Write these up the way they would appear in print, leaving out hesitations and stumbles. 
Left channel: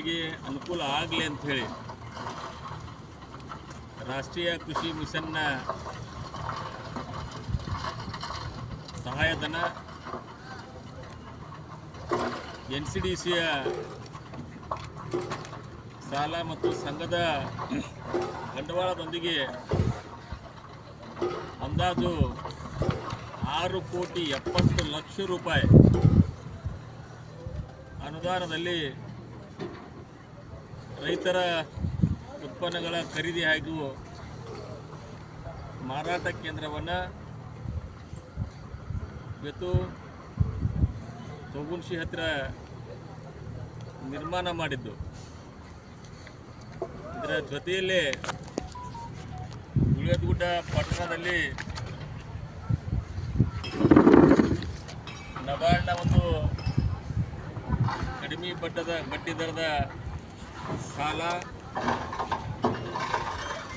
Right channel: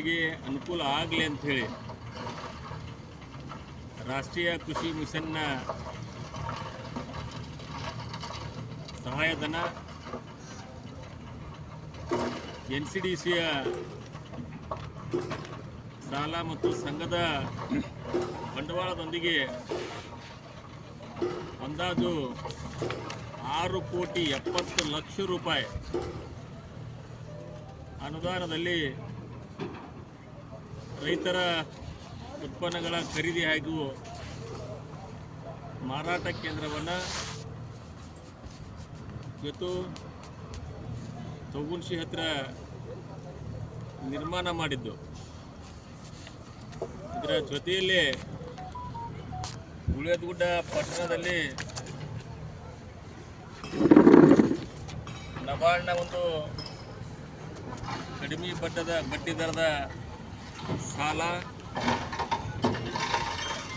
ರೈತರಿಗೆ ಅನುಕೂಲ ಆಗಲಿ ಅಂಥೇಳಿ ರಾಷ್ಟ್ರೀಯ ಕೃಷಿ ಮಿಷನ್ನ ಸಹಾಯಧನ, NCDCಯ ಸಾಲ ಮತ್ತು ಸಂಘದ ಬಂಡವಾಳದೊಂದಿಗೆ ಅಂದಾಜು 6,70,00,000 ರೂಪಾಯಿ ಅನುದಾನದಲ್ಲಿ ರೈತರ ಉತ್ಪನ್ನಗಳ ಖರೀದಿ ಹಾಗೂ ಮಾರಾಟ ಕೇಂದ್ರವನ್ನು ಇವತ್ತು ತೊಗುನ್ಶಿ ಹತ್ತಿರ ನಿರ್ಮಾಣ ಮಾಡಿದ್ದು. ಇದರ ಜೊತೆಯಲ್ಲೇ ಗುಳೇದಗುಡ್ಡ ಪಟ್ಟಣದಲ್ಲಿ ನಬಾರ್ಡ್ನ ಒಂದು ಕಡಿಮೆ ಬಡ್ಡಿ ದರದ ಸಾಲ,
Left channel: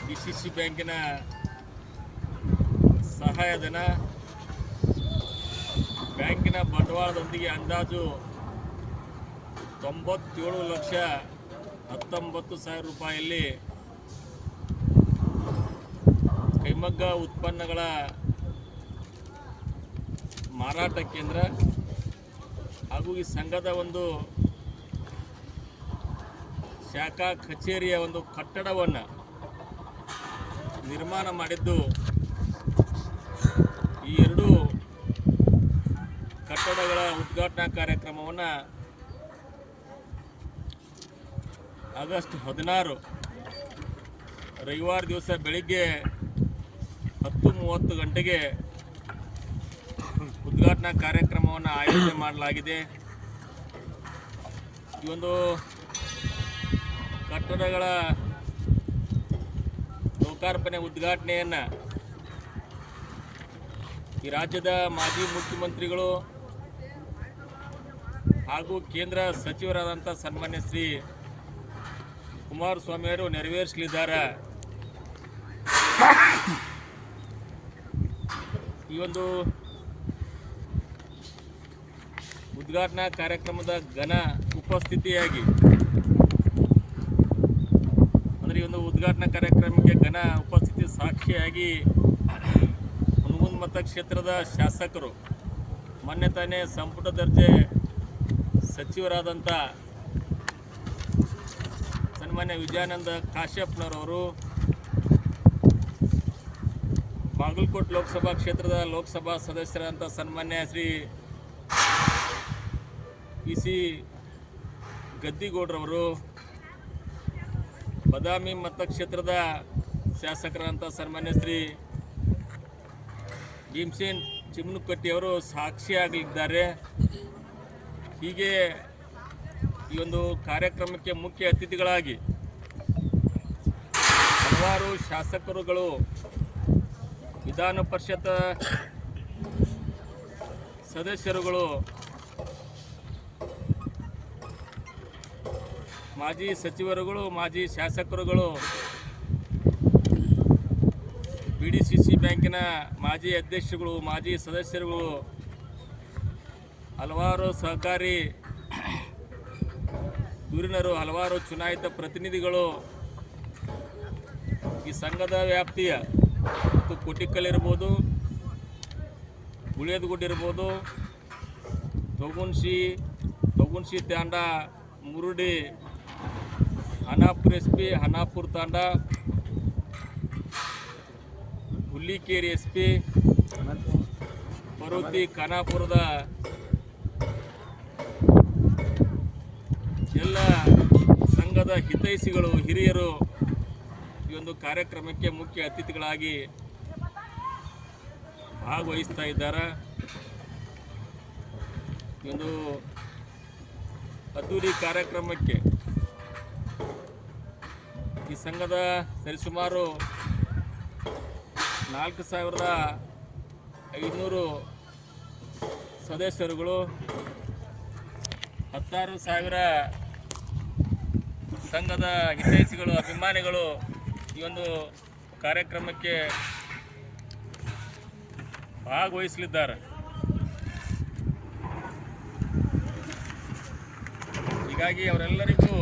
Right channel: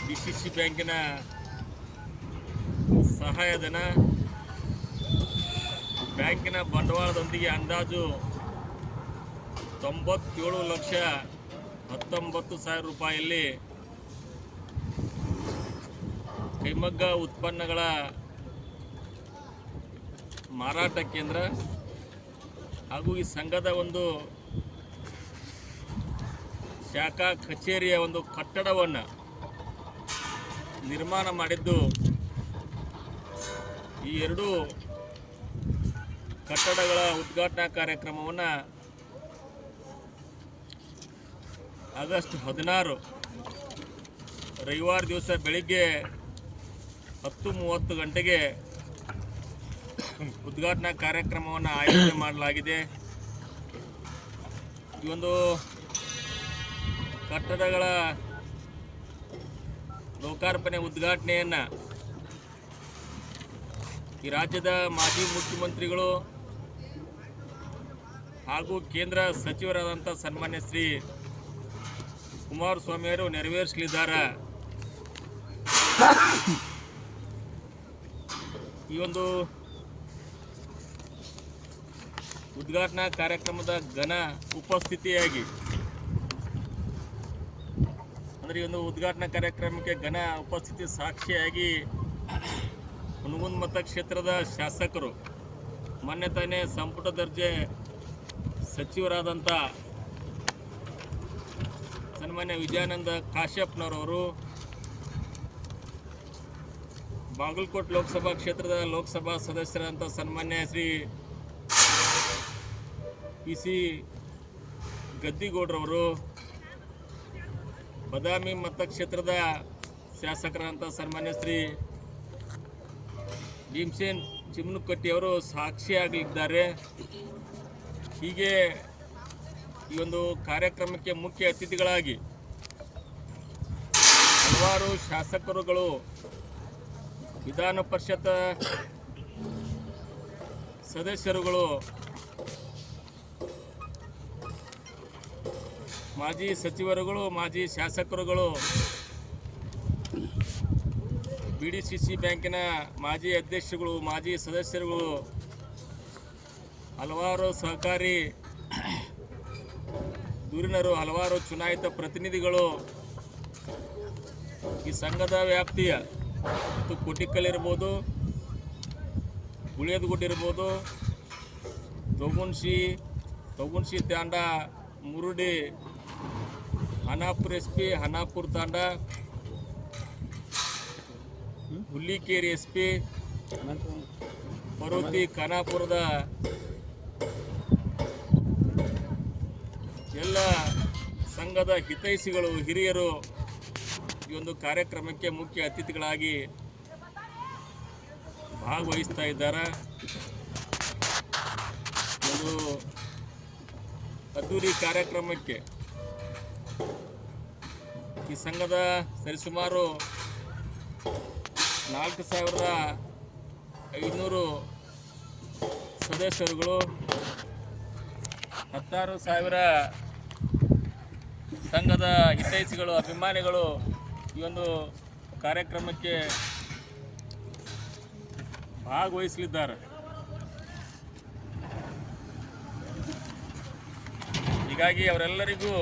DCC ಬ್ಯಾಂಕಿನ ಸಹಾಯಧನ, ಬ್ಯಾಂಕಿನ ಬಂಡವಾಳದೊಂದಿಗೆ ಅಂದಾಜು 97,19,000 ರೂಪಾಯಿಯಲ್ಲಿ ಕೈಮಗ್ಗ ಉತ್ಪನ್ನಗಳ ಮಾರಾಟ ಕೇಂದ್ರ ಹಾಗೂ ಈ ಸಂಘದ ಒಂದು ಶಾಖಾ ಕಚೇರಿಯ ಒಂದು ಕಟ್ಟಡವನ್ನು ನಿರ್ಮಾಣ ಮಾಡಿದ್ದು. ಈ ಎರಡೂ ಕಟ್ಟಡಗಳ ಉದ್ಘಾಟನಾ ಕಾರ್ಯಕ್ರಮವನ್ನು ಆಗಸ್ಟ್ 16 ರವಿವಾರ ದಿವಸ ಬೆಳಿಗ್ಗೆ 10:30 ಗಂಟೆಗೆ ಉದ್ಘಾಟನಾ ಕಾರ್ಯಕ್ರಮವನ್ನು ಆಯೋಜನೆ ಮಾಡಲಾಗಿದೆ. ಈ ಒಂದು ಕಟ್ಟಡಗಳ ಲೋಕಾರ್ಪಣೆ ಉದ್ಘಾಟನೆಯನ್ನು ಈ ರಾಜ್ಯದ ಮಾಜಿ ಮುಖ್ಯಮಂತ್ರಿಗಳು ಹಾಗೂ ಕೇಂದ್ರ ಸಚಿವರಾದಂಥ ಸನ್ಮಾನ್ಯ ಶ್ರೀ ಕುಮಾರಸ್ವಾಮಿ ಅವರು ನೆರವೇರಿಸಲಿದ್ದಾರೆ. ಈ ಒಂದು ಉದ್ಘಾಟನಾ ಕಾರ್ಯಕ್ರಮದ ಘನ ಉಪಸ್ಥಿತಿಯಾಗಿ ಅಂದರೆ ಈ ಒಂದು ಉದ್ಘಾಟನಾ ಕಾರ್ಯಕ್ರಮಕ್ಕೆ ಘನ ಉಪಸ್ಥಿತಿ ಸಾಕ್ಷಿಯಾಗಿ ಹುನಗುಂದ ಮತಕ್ಷೇತ್ರದ ಶಾಸಕರು, ಮೊನ್ನೆ ತಾನೇ ಸಂಪುಟ ದರ್ಜೆ ಸಚಿವರಾದಂಥ ಸನ್ಮಾನ್ಯ ವಿಜಯಾನಂದ ಕಾಶ್ಯಪ್ನವರವರು, ಬಾಗಲಕೋಟೆ ಲೋಕಸಭಾ ಕ್ಷೇತ್ರದ ಲೋಕಸಭಾ ಸದಸ್ಯರಾದಂಥ ಸನ್ಮಾನ್ಯ ಶ್ರೀ PC ಗದ್ದಿಗೌಡರವರು, ಬದಾಮಿ ಮತಕ್ಷೇತ್ರದ ಶಾಸಕರಾದಂಥ ಸನ್ಮಾನ್ಯ ಶ್ರೀ ಭೀಮಸೇನ್ ಚಿಮ್ನುಕಟ್ಟಿಯವರು ಸಾಕ್ಷಿಯಾಗಲಿದ್ದಾರೆ. ಹೀಗೆ ಈ ಒಂದು ಕಾರ್ಯಕ್ರಮಕ್ಕೆ ಮುಖ್ಯ ಅತಿಥಿಗಳಾಗಿ ಹಲವಾರು ಶಾಸಕರುಗಳು, ವಿಧಾನ ಪರಿಷತ್ ಸದಸ್ಯರುಗಳು, ಮಾಜಿ ಸಚಿವರುಗಳು, ಮಾಜಿ ಶಾಸಕರುಗಳು, BDCC ಬ್ಯಾಂಕಿನ ಮಾಜಿ ಅಧ್ಯಕ್ಷರುಗಳು, ಮಾಜಿ ಸದಸ್ಯರುಗಳು, ಹಲವಾರು ಸಹಕಾರಿ ಧುರೀಣರು, ಹಲವಾರು ಚುನಾಯಿತ ಪ್ರತಿನಿಧಿಗಳು ಈ ಸಂಘದ ವ್ಯಾಪ್ತಿಯ ಮತ್ತು ಕೋಟಿಕಲ್ ಇರ್ಬೋದು, ಗುಳೇದಗುಡ್ಡ ಇರ್ಬೋದು, ತೊಗುನ್ಶಿ ತಾಂಡ, ಮುರುಡಿ, ಖಾನಾಪುರ SP, ಖಾನಾಪುರ ತಾಂಡ, ಹುಲ್ಲಿಕೇರಿ SP, ಪರ್ವತಿ, ಖಾನಾಪುರದ ಎಲ್ಲ ಸಂಘದ ಹಿತೈಷಿಗಳು, ಹಿರಿಯರು ಈ ಒಂದು ಕಾರ್ಯಕ್ರಮಕ್ಕೆ ಮುಖ್ಯ ಅತಿಥಿಗಳಾಗಿ ಭಾಗವಹಿಸ್ತಾ ಇದ್ದಾರೆ. ಒಂದು ಅದ್ದೂರಿ ಕಾರ್ಯಕ್ರಮಕ್ಕೆ ಈ ಸಂಘದ ಸರಿಸುಮಾರು 4,500 ಸದಸ್ಯರುಗಳು, 16,000 ಸಂಘದ ಹಿತೈಷಿಗಳು, ಅಭಿಮಾನಿಗಳು ಈ ಒಂದು ಕಾರ್ಯಕ್ರಮಕ್ಕೆ ಭಾಗವಹಿಸಲಿದ್ದಾರೆ. ಹೀಗಾಗಿ ಅವರೆಲ್ಲರಿಗೂ